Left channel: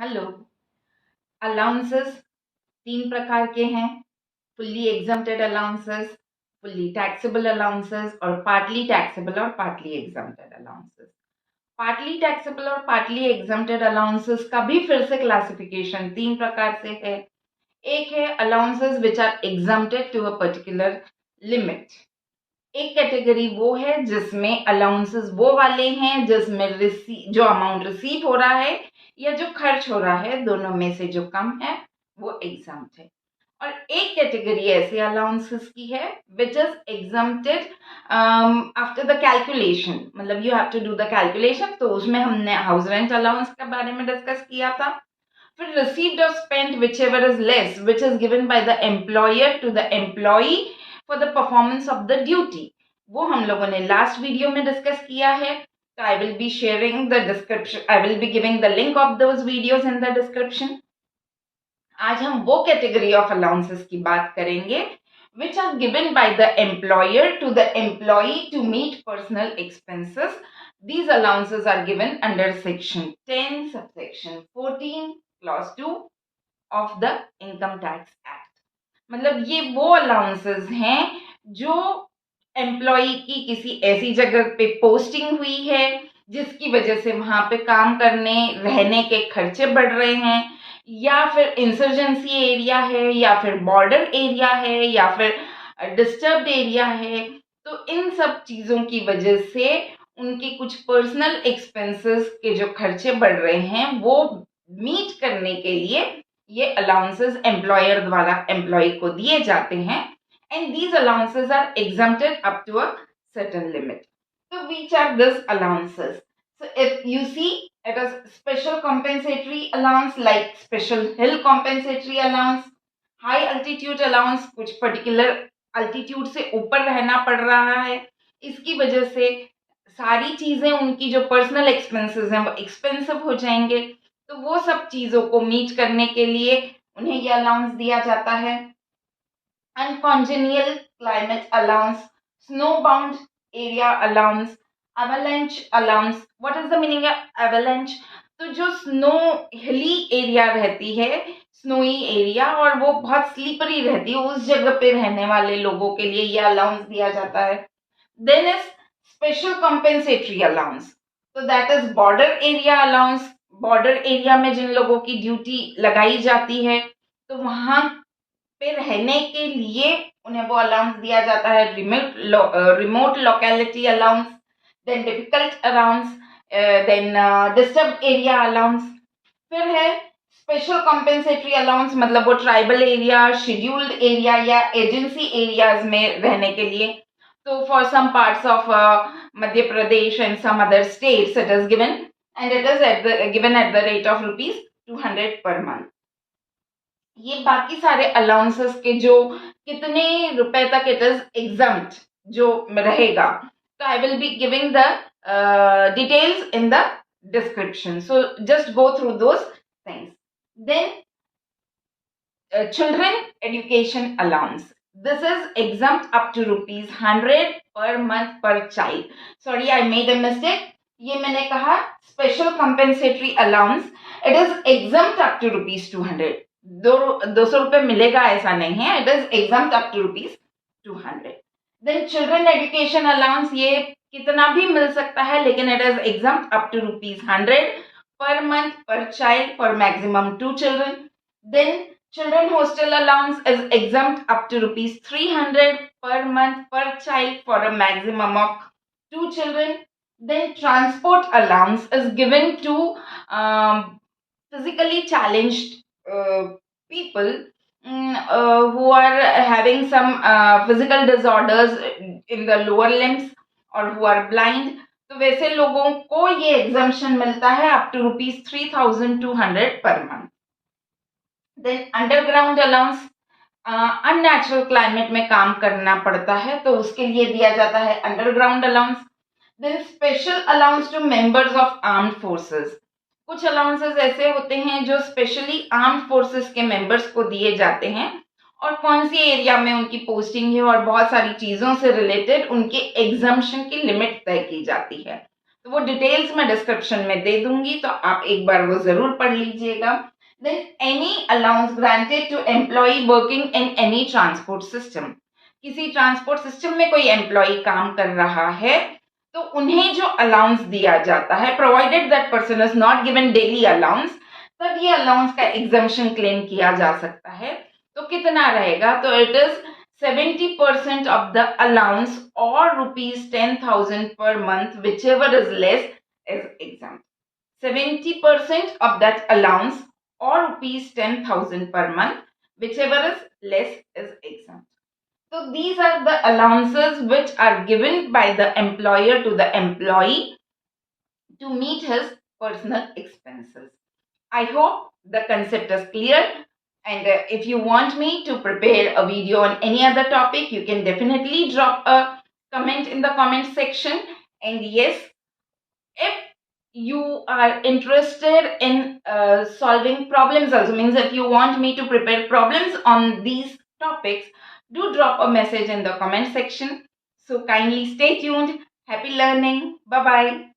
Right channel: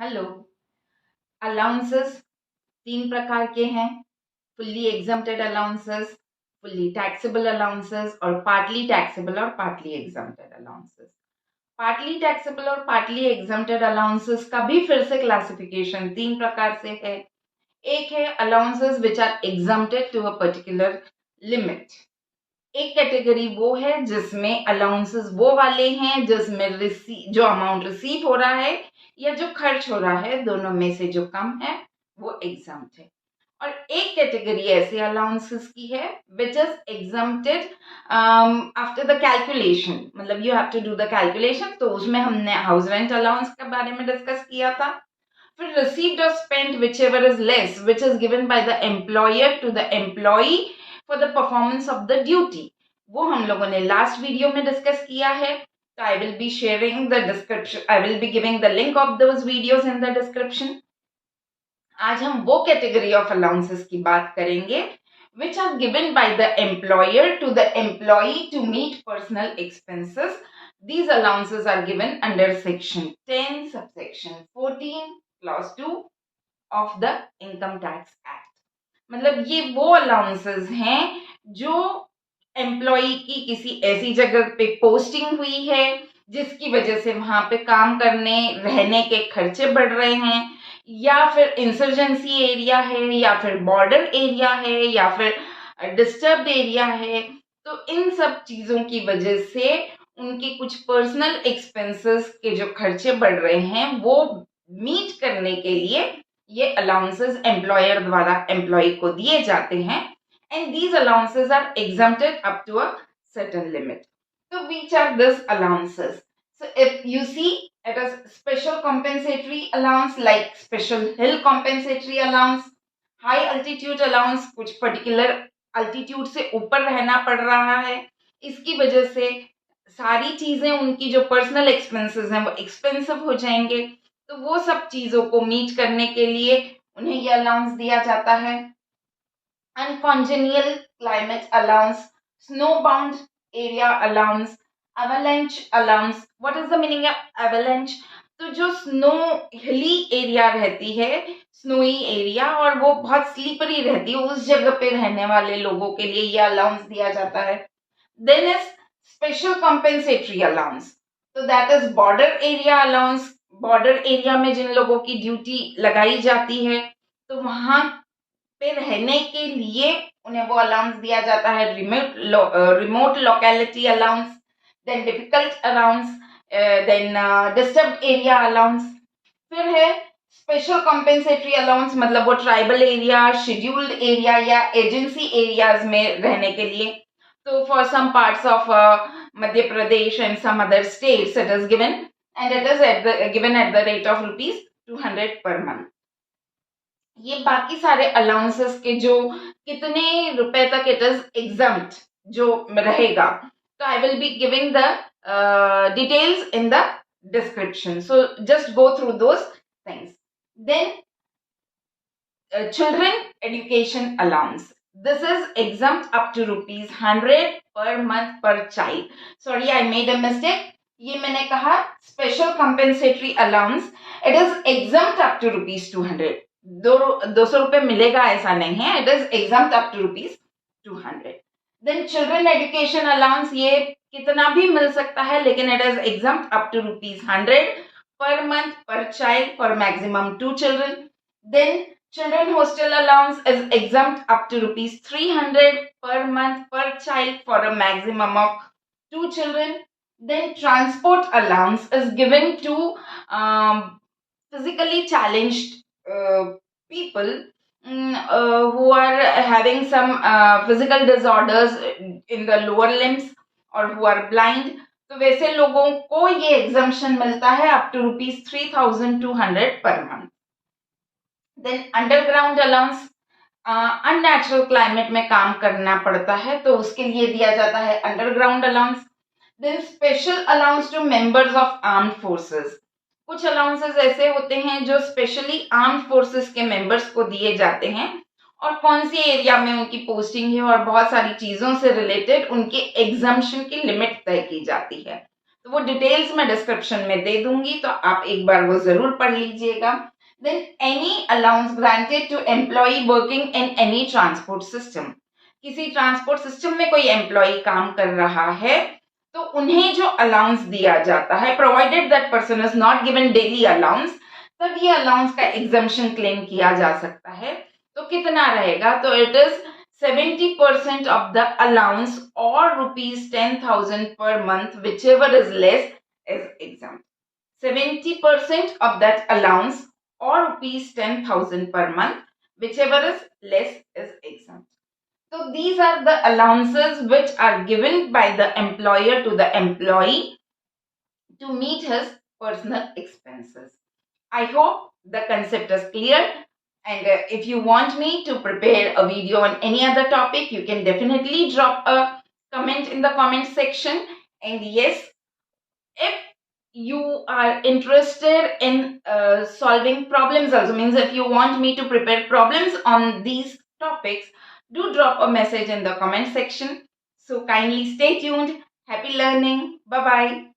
Hello. Allowances तीन प्रकार के हैं। Fully exempted allowances, fully taxable allowances और पार्टली टैक्सेबल और partly exempted allowances. Partly taxable और पार्टली एग्जम्प्टेड अलाउंसेस का भी फिर से क्लासिफिकेशन तीन प्रकार से है। एक है allowances which are exempted to a particular limit. एक कैटेगरी वो है जिसमें अलाउंसेस वो वाले हैं जिसमें जो अमाउंट रिसीव हो रहा है या जो खर्च हो रहा है, दोनों में से जो कम है वो एग्जम्प्ट है। और एक कैटेगरी ऐसे अलाउंसेस की है which is exempted after the calculation, मतलब you have to do the calculation. तो उसमें हमने हाउस रेंट अलाउंस के बारे में डिस्कस किया था। फिर रिसीव्ड और spent whichever is less which is given by the employer to the employee for the performance of the duty, वो हम लोगों ने लास्ट वीडियो में डिस्कस किया है। तो I will be sharing the description, I will be giving the link of those videos in the description. आज हम वो कैटेगरी ऑफ अलाउंसेस की बात करेंगे which are given by the employer to the employee to meet personal expenses. These allowances are given under section 10 subsection 14 clause 2 of the income tax act. मतलब ये वो allowances हैं जो एम्प्लॉय की किसी ऐसी जगह पे पोस्टिंग हुई है जिसकी वजह से वहां पे काम करने रहने के खर्चे बढ़ रहे हैं, या फिर इंसर्जेंसी एरिया है, या फिर बॉर्डर एरिया है, या फिर डिस्टर्ब्ड एरिया है। तो इन सब चीजों की वजह से उनके कुछ पर्सनल एक्सपेंसेस के जो खर्चे बढ़ रहे हैं वो मीट करने के लिए ये अलाउंसेस एम्प्लॉयर द्वारा एम्प्लॉय को दिए जाते हैं। And these allowances are exempted up to a certain limit. So which are these allowances? So if you see, it is special compensatory allowance like special hill compensatory allowance, high altitude allowance, कुछ particular altitude से ऊपर रहना पड़ रहा है, इसकी वजह से सारी चीजें उनकी जो पर्सनल एक्सपेंसेस हैं वो एक्सपेंसिव हो जाएंगे। तो वो सब चीजों को मीट करने के लिए उन्हें ये अलाउंस दिया जाता है। Uncongenial climate allowance, snowbound area allowance, avalanche allowance. What is the meaning of avalanche? तो जो स्नो हिली एरिया रहती है, स्नोई एरिया, और वो बहुत स्लीपरी रहती है, उस जगह पे रहने वाले लोगों के लिए यह अलाउंस दिया जाता है। Then is special compensatory allowance, तो that is border area allowance. Border area में जिन लोगों की ड्यूटी लगाई जाती है तो वहां पे रहने के लिए उन्हें वो अलाउंस दिया जाता है। Remote locality allowance, then difficult allowance, then disturbed area allowance. फिर है स्पेशल कॉम्पेंसेटरी अलाउंस, मतलब वो ट्राइबल एरिया, शेड्यूल्ड एरिया या एजेंसी एरियाज में रहने के लिए। तो for some parts of Madhya Pradesh and some other states it is given, and it is given at the rate of ₹200 per month. ये बाकी सारे अलाउंसेस के जो कितने रुपए तक इट इज एग्जम्प्ट जो रहेगा, तो I will be giving the details in the description, so just go through those things. Then children education allowance, this is exempt up to ₹100 per month per child. Sorry, I made a mistake. ये मैंने कहा special compensatory allowance, it is exempt up to ₹200। 200 रुपए मिलेगा ऐसा नहीं है, it is exempt up to ₹200। Then children education allowance, ये कितना भी मिल सकता है लेकिन it is exempt up to ₹100 per month per child for maximum 2 children. Then children hostel allowance is exempt up to ₹300 per month per child for a maximum of 2 children. Then transport allowance is given to physically challenged people who are having some physical disorders in the lower limbs or who are blind. तो वैसे लोगों को ये exemption मिलता है up to ₹3200 per month. Then underground allowance, unnatural climate में काम करना पड़ता है तो उसके लिए दिया जाता है underground allowance. Then special allowance to members of armed forces, कुछ अलाउंसेस ऐसे होते हैं जो स्पेशली आर्म्ड फोर्सेस के मेंबर्स को दिए जाते हैं, और कौन सी एरिया में उनकी पोस्टिंग है और बहुत सारी चीजों से रिलेटेड उनके एग्जम्पशन की लिमिट तय की जाती है। तो वो डिटेल्स मैं डिस्क्रिप्शन में दे दूंगी, तो आप एक बार वो जरूर पढ़ लीजिएगा. Then any allowance granted to employ working in any transport system. किसी ट्रांसपोर्ट सिस्टम में कोई एम्प्लॉय काम कर रहा है तो उन्हें जो अलाउंस दिया जाता है, provided that person is not given daily allowance, तब ये अलाउंस का एग्जम्पशन क्लेम किया जा सकता है. तो कितना रहेगा? तो it is 70% of the allowance or rupees 10,000 per month, whichever is less is exempt. 70% of that allowance or rupees 10,000 per month, whichever is less is exempt. So these are the allowances which are given by the employer to the employee to meet his personal expenses. I hope the concept is clear. And if you want me to prepare a video on any other topic, you can definitely drop a comment in the comment section. And yes, if you are interested in solving problems also, means if you want me to prepare problems on these topics, do drop a message in the comment section. So kindly stay tuned. Happy learning. Bye bye.